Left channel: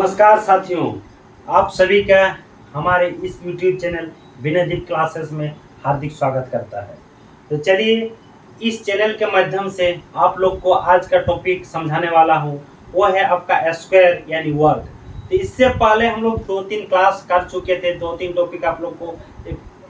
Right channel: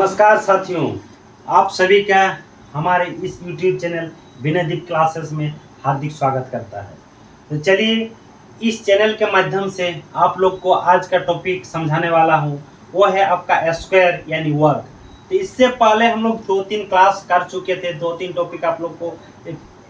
नमस्कार साथियों, आप सभी का हमारे इस YouTube चैनल विनयदीप क्लासेस में हार्दिक स्वागत करता है। तो चलिए, इस चैनल के माध्यम से आप लोग को आज का टॉपिक समझाने वाला हूँ। वो है आपका स्क्वायर यानी वर्ग। तो इससे पहले हम लोग 2-3 क्लास कर चुके थे, 2-3 टॉपिक आप लोग को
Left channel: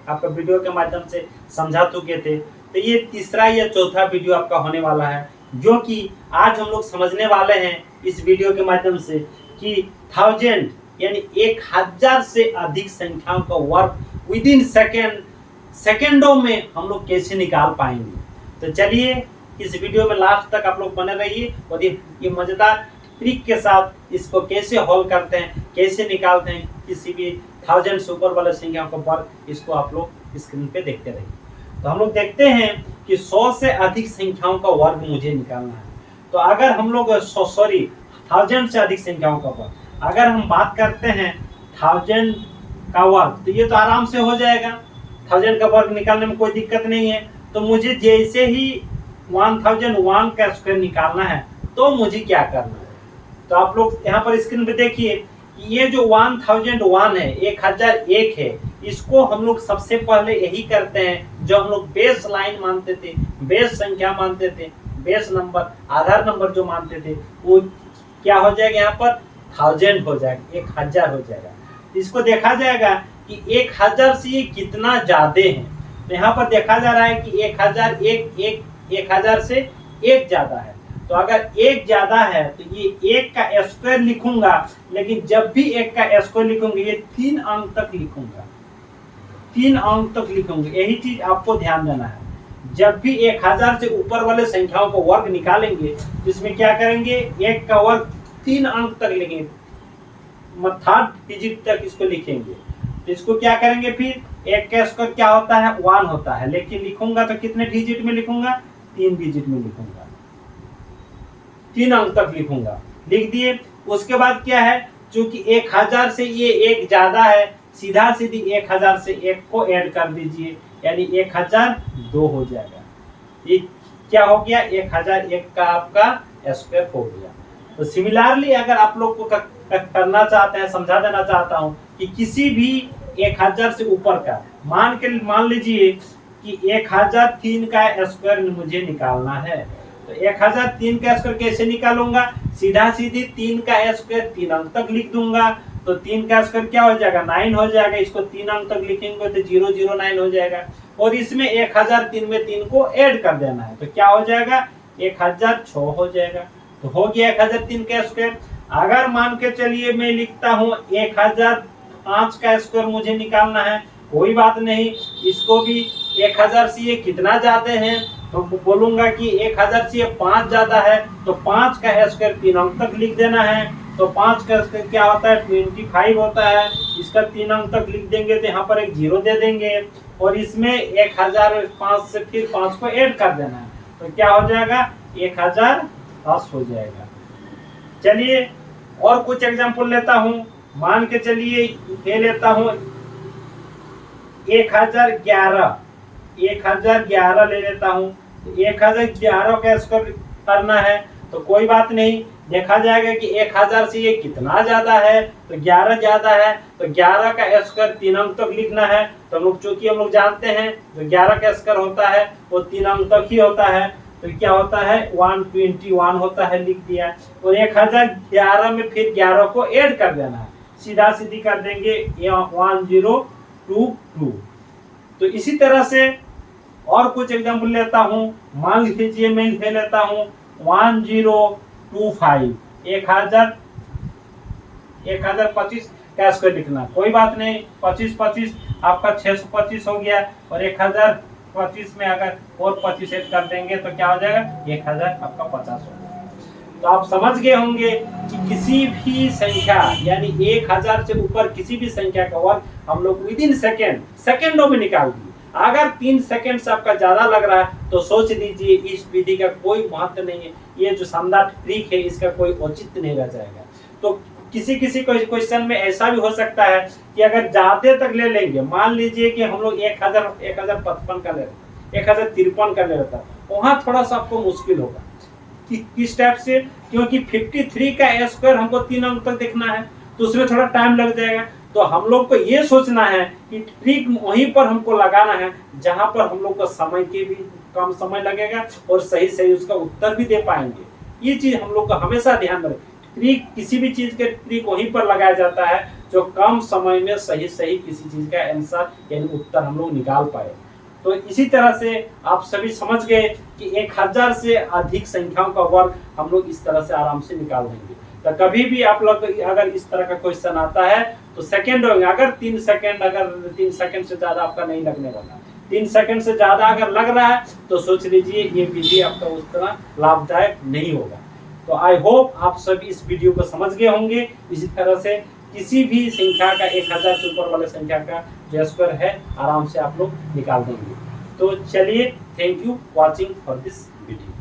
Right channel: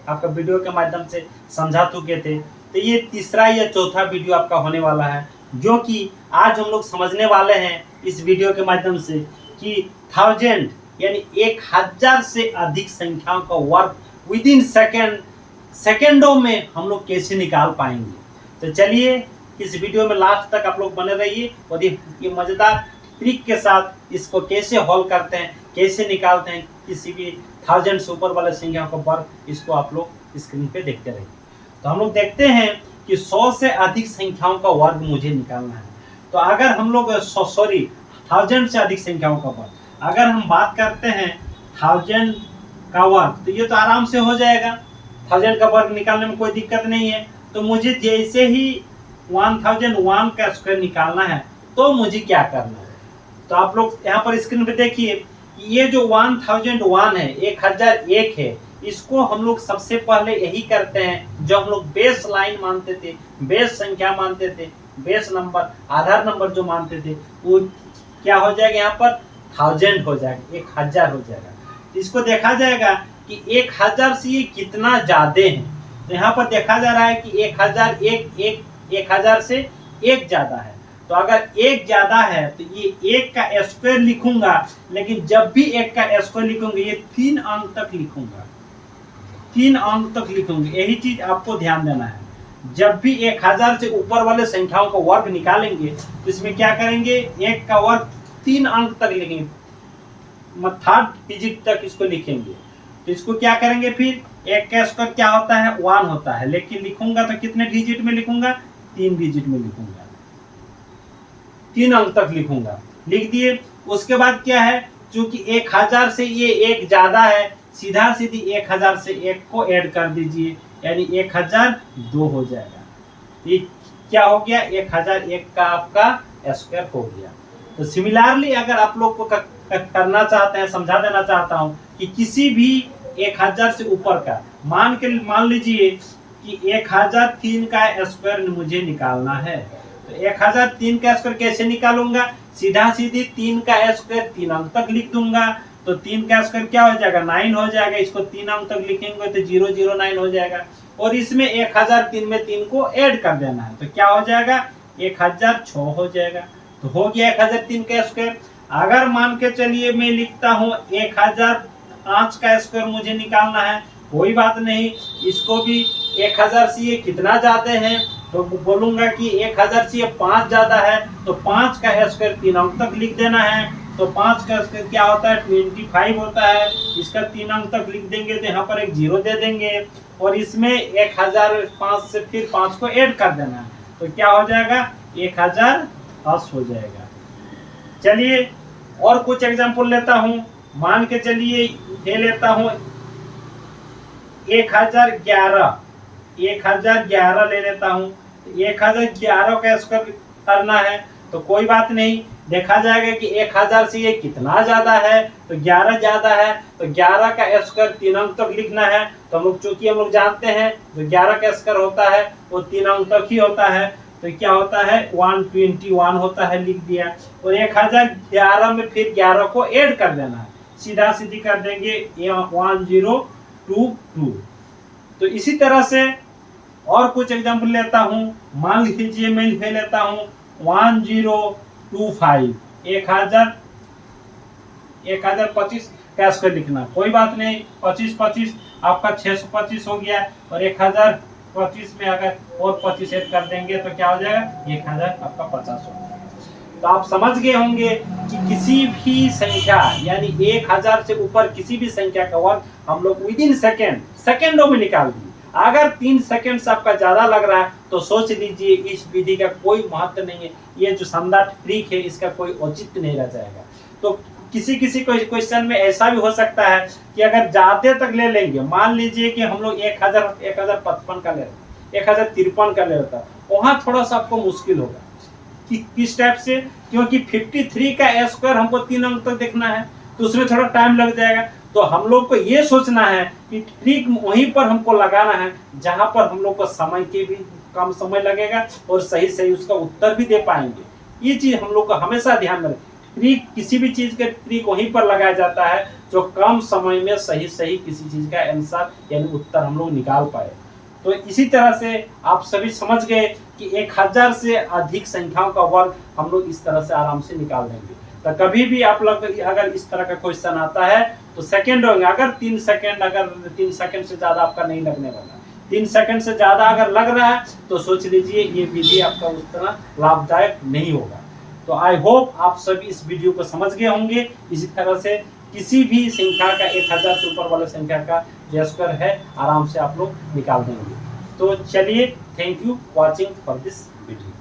आपका वीडियो के माध्यम से समझा चुके थे। तो ये तीसरा या चौथा वीडियो आपका होने वाला है, जो कि आज हम लोग समझने वाले हैं इस वीडियो के माध्यम से कि 1000 यानी 1000 से अधिक संख्याओं का वर्ग विदिन सेकेंडों में हम लोग कैसे निकाल पाएंगे। तो चलिए, इस वीडियो में लास्ट तक आप लोग बने रहिए और ये मजेदार ट्रिक के साथ इसको कैसे हल करते हैं, कैसे निकालते हैं किसी भी 1000 से ऊपर वाले संख्याओं का वर्ग, इसको आप लोग स्क्रीन पे देखते रहिए। तो हम लोग देखते हैं कि 100 से अधिक संख्याओं का वर्ग मुझे निकालना है। तो अगर हम लोग 1000 से अधिक संख्याओं का वर्ग, अगर हम बात करते हैं 1000 का वर्ग, तो ये तो आराम से हो जाएगा। 1000 का वर्ग निकालने में कोई दिक्कत नहीं है। तो मुझे जैसे ही 1001 का स्क्वायर निकालना है तो मुझे क्या करना है। तो आप लोग यहाँ पर स्क्रीन पे देखिए, ये जो 1001 है, 1001 है, इसको हम लोग सबसे पहले यही करते हैं जो हम लोग बेस लाइन मानते थे, बेस संख्या मानते थे, बेस नंबर, आधार नंबर जो मानते थे, वो क्या हो जाएगा, यहाँ पर 1000 हो जाएगा, 1000 हो जाएगा। इसको देखा जाएगा कि 1000 से ये कितना ज्यादा है। तो यहाँ पर देखा जा रहा है कि 1000 से एक ज्यादा है। तो अगर एक ज्यादा है तो ये एक का स्क्वायर लिखूंगा, लेकिन जब भी एक का स्क्वायर लिखूंगा ये 3 अंक तक लिखूंगा, 3 अंक तक लिखूंगा। यही चीज आपको ध्यान देना है। जब भी 1000 से ऊपर वाले संख्याओं का वर्ग निकालेंगे तो इसमें क्या करेंगे, एक का वर्ग 3 अंक तक लिखेंगे, थर्ड डिजिट तक इसको लिखेंगे। तो इसको क्या करेंगे, फिर एक का स्क्वायर क्या होता है, 1 होता है, लेकिन लिखूंगा तो कितने डिजिट में लिखूंगा, 3 डिजिट में लिखूंगा, 3 अंक तक लिखूंगा। लिख दिए। उसके बाद क्या है, चूंकि 1000 से ये एक ज्यादा है, सीधा सीधी 1000 से एक को ऐड कर दीजिए, यानी 1002 हो जाएगा। ये क्या हो गया, 1001 का आपका स्क्वायर हो गया। तो सिमिलरली अगर आप लोग को करना चाहते हैं, समझा देना चाहता हूं कि किसी भी 1000 से ऊपर का मान लीजिए कि 1003 का स्क्वायर मुझे निकालना है। तो 1003 का स्क्वायर कैसे निकालूंगा, सीधा सीधी 3 का स्क्वायर 3 अंक तक लिख दूंगा। तो 3 का स्क्वायर क्या हो जाएगा, 9 हो जाएगा। इसको 3 अंक तक लिखेंगे तो 009 हो जाएगा। और इसमें 1003 में 3 को ऐड कर देना है, तो क्या हो जाएगा, 1006 हो जाएगा। तो हो गया 1003 का स्क्वायर। अगर मान के चलिए मैं लिखता हूँ 1005 का स्क्वायर मुझे निकालना है, कोई बात नहीं, इसको भी 1000 से ये कितना ज्यादा है, तो बोलूंगा कि 1000 से ये 5 ज्यादा है, तो 5 का स्क्वायर 3 अंक तक लिख देना है। तो 5 का स्क्वायर क्या होता है, 25 होता है। इसका 3 अंक तक लिख देंगे तो यहाँ पर एक 0 दे देंगे, और इसमें 1005 से फिर 5 को ऐड कर देना है, तो क्या हो जाएगा, 1010 हो जाएगा। चलिए और कुछ एग्जांपल लेता हूं। मान के चलिए ये लेता हूं 1011 ले लेता हूं। 1011 का स्क्वायर करना है तो कोई बात नहीं, देखा जाएगा कि 1000 से ये कितना ज्यादा है, तो 11 ज्यादा है। तो 11 का स्क्वायर 3 अंक तक लिखना है। तो हम लोग चूंकि हम लोग जानते हैं तो 11 का स्क्वायर होता है वो 3 अंक तक ही होता है, तो क्या होता है, 121 होता है, लिख दिया। और 1011 में फिर 11 को ऐड कर देना है, सीधा सीधी कर देंगे 1022। तो इसी तरह से और कुछ एग्जांपल लेता हूं। मान लीजिए मैं ले लेता हूं 1025, 1025 का स्क्वायर लिखना, कोई बात नहीं, 25 आपका 625 हो गया। और 1025 में अगर और 25 ऐड कर देंगे तो क्या हो जाएगा, 1000 आपका 50 हो जाएगा। तो आप समझ गए होंगे कि किसी भी संख्या यानी 1000 से ऊपर किसी भी संख्या का वर्ग हम लोग विदिन सेकेंडों में निकाल दिए। अगर 3 सेकंड से आपका ज्यादा लग रहा है तो सोच लीजिए इस विधि का कोई महत्व नहीं है, ये जो शानदार ट्रिक है इसका कोई औचित्य नहीं रह जाएगा। तो किसी क्वेश्चन में ऐसा भी हो सकता है कि अगर ज्यादा तक ले लेंगे, मान लीजिए कि हम लोग 1055 का ले रहे, 1053 का ले रहा, वहां थोड़ा सा आपको मुश्किल होगा। किस टाइप से, क्योंकि 53 का स्क्वायर हमको 3 अंक तक देखना है। तो उसमें थोड़ा टाइम लग जाएगा। तो हम लोग को ये सोचना है कि ठीक वहीं पर हमको लगाना है जहां पर हम लोग को समय के भी कम समय लगेगा और सही सही उसका उत्तर भी दे पाएंगे। ये चीज हम लोग को हमेशा ध्यान में रखें। ट्रिक किसी भी चीज के ट्रिक वहीं पर लगाया जाता है जो कम समय में सही सही किसी चीज का आंसर यानी उत्तर हम लोग निकाल पाए। तो इसी तरह से आप सभी समझ गए कि 1000 से अधिक संख्याओं का वर्ग हम लोग इस तरह से आराम से निकाल देंगे। तो कभी भी आप लोग अगर इस तरह का क्वेश्चन आता है तो सेकंड होंगे, अगर 3 सेकंड से ज्यादा आपका नहीं लगने वाला, 3 सेकंड से ज्यादा अगर लग रहा है तो सोच लीजिए ये विधि आपका उतना लाभदायक नहीं होगा। तो आई होप आप सभी इस वीडियो को समझ गए होंगे। इसी तरह से किसी भी संख्या का 1000 से ऊपर वाले संख्या का जो स्क्वायर है आराम से आप लोग निकाल देंगे। तो चलिए, thank you watching for this video.